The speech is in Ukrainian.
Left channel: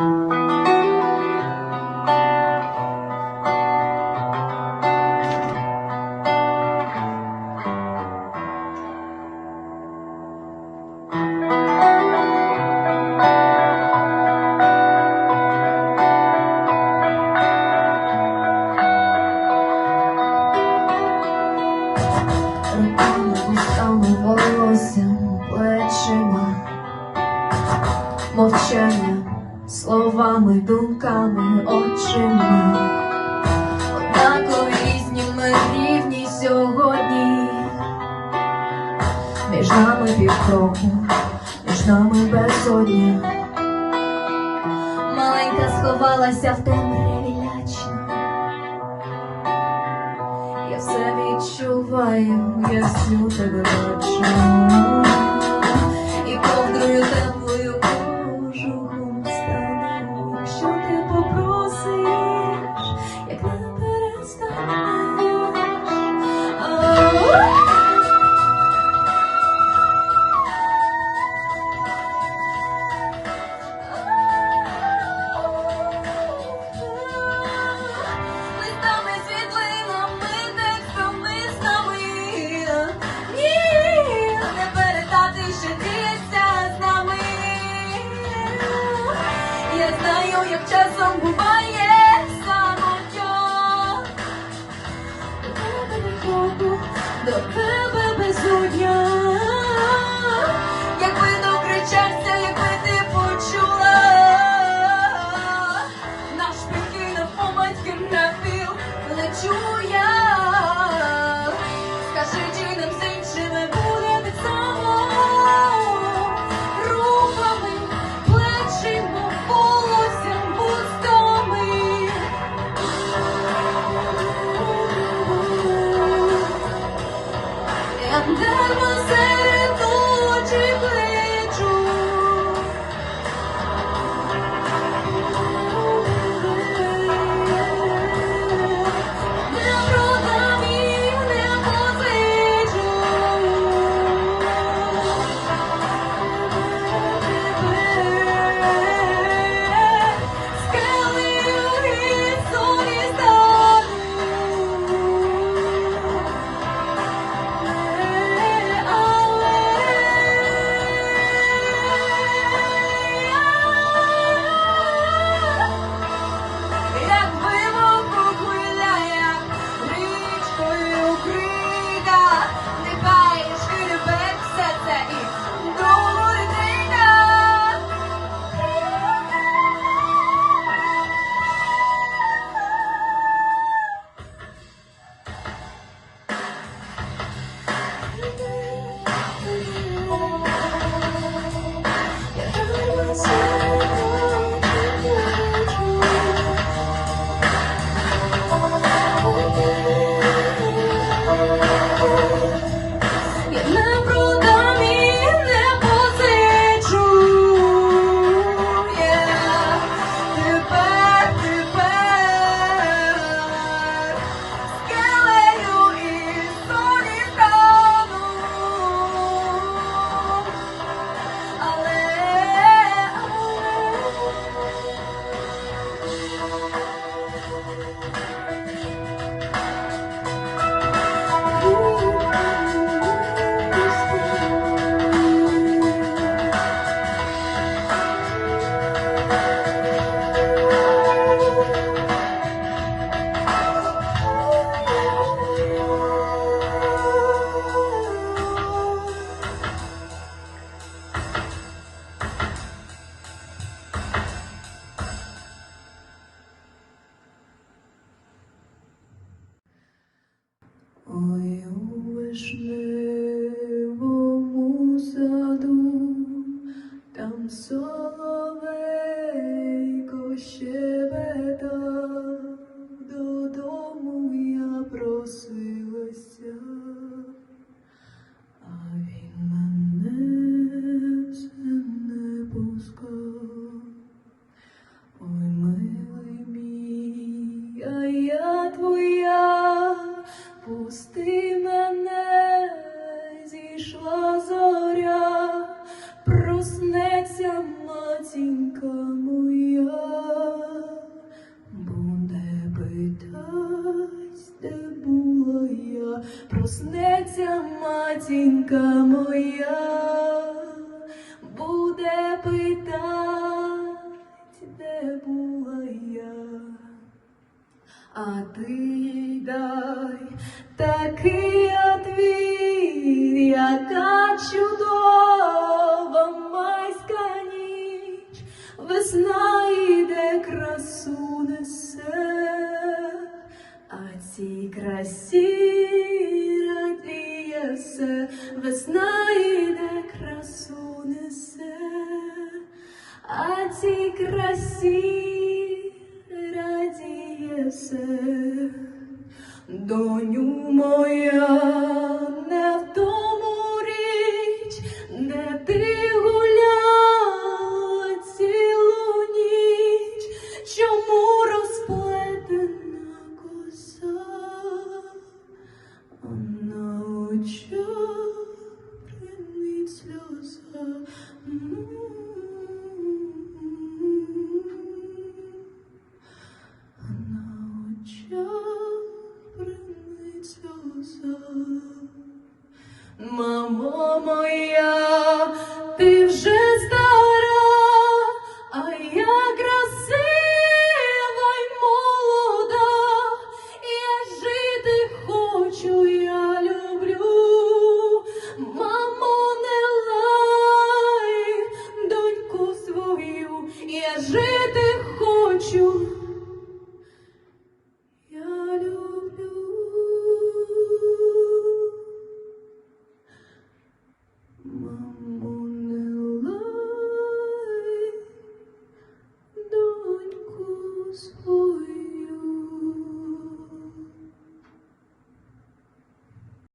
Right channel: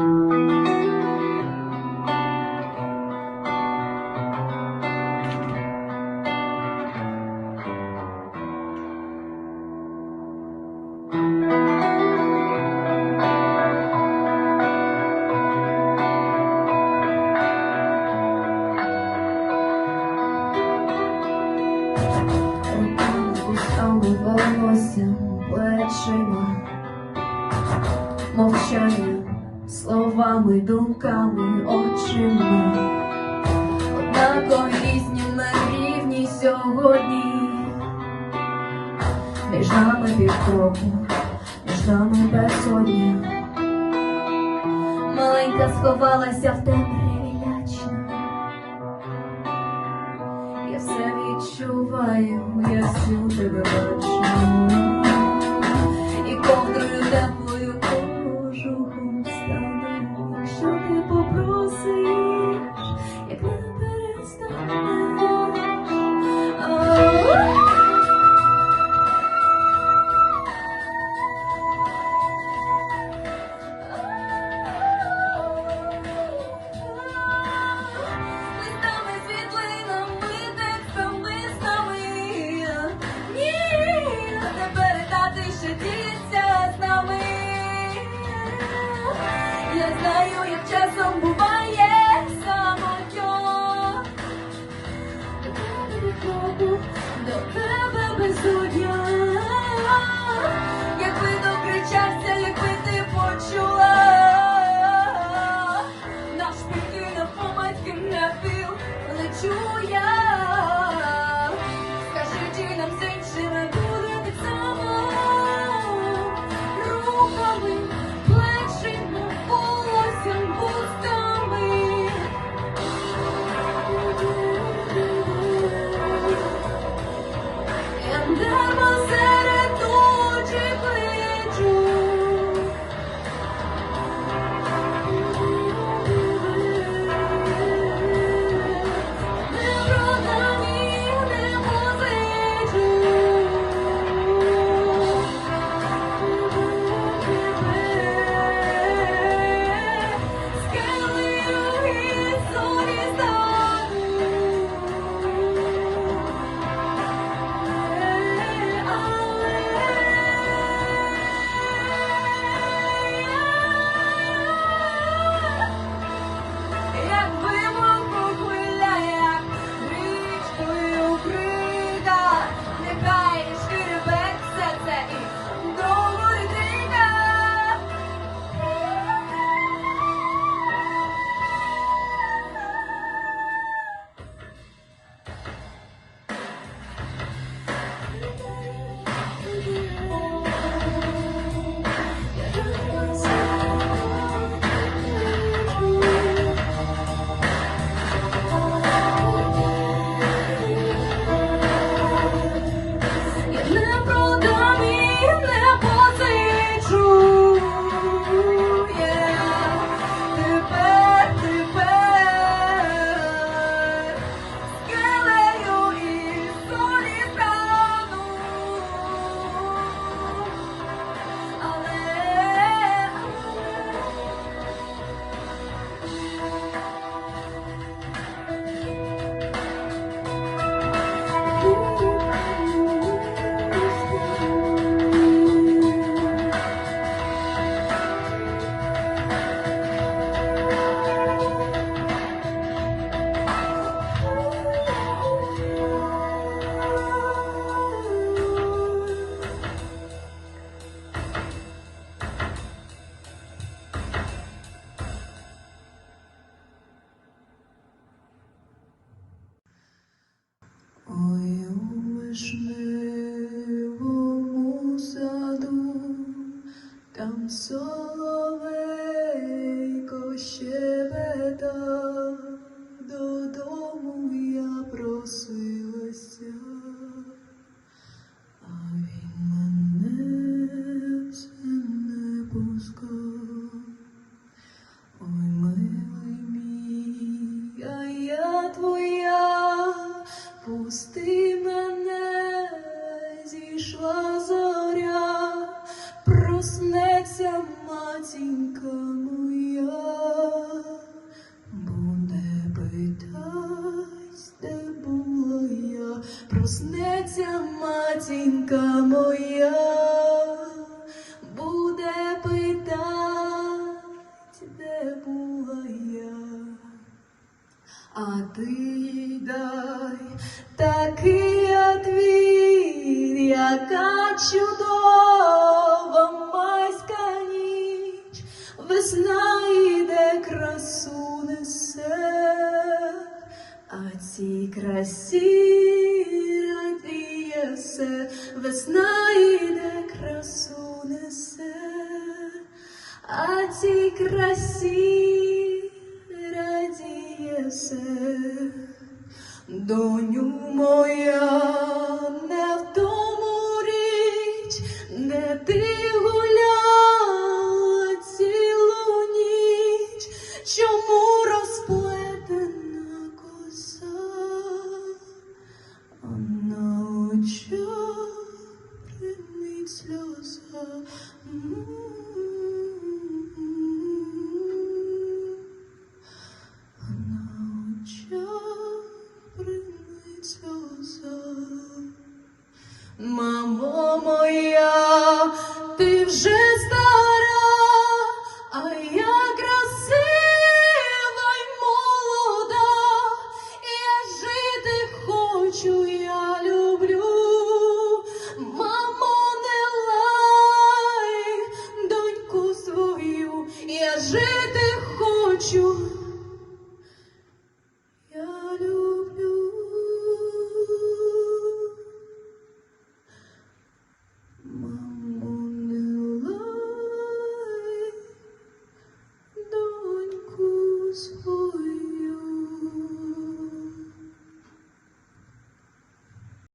Một trăm linh. Словами, думками, очима. Однаково різні ми рівні сьогодні. Між нами півкроку, між нами безодня. Маленька сховалася в темряві лячно. Я все відчуваю, я всю тебе бачу. До тебе безодня. Якби докричався, якби ти почула. Наш прикинув помадьки на піл, лечу соловейко щебета, додому я просилася, а він мене все не пускав. Ой, милий мій, а я твоя, пусти мене зійшла. Матінка моя буде питать, де була я. А ти дай такий отвіт, яка чудова майська ніч, весна йде красу несе, а цій красі весна йде красу несе, а цій красі радіє все. Доню моя, не в тому річ, не ти гуляла цілу ніч, чому розплетена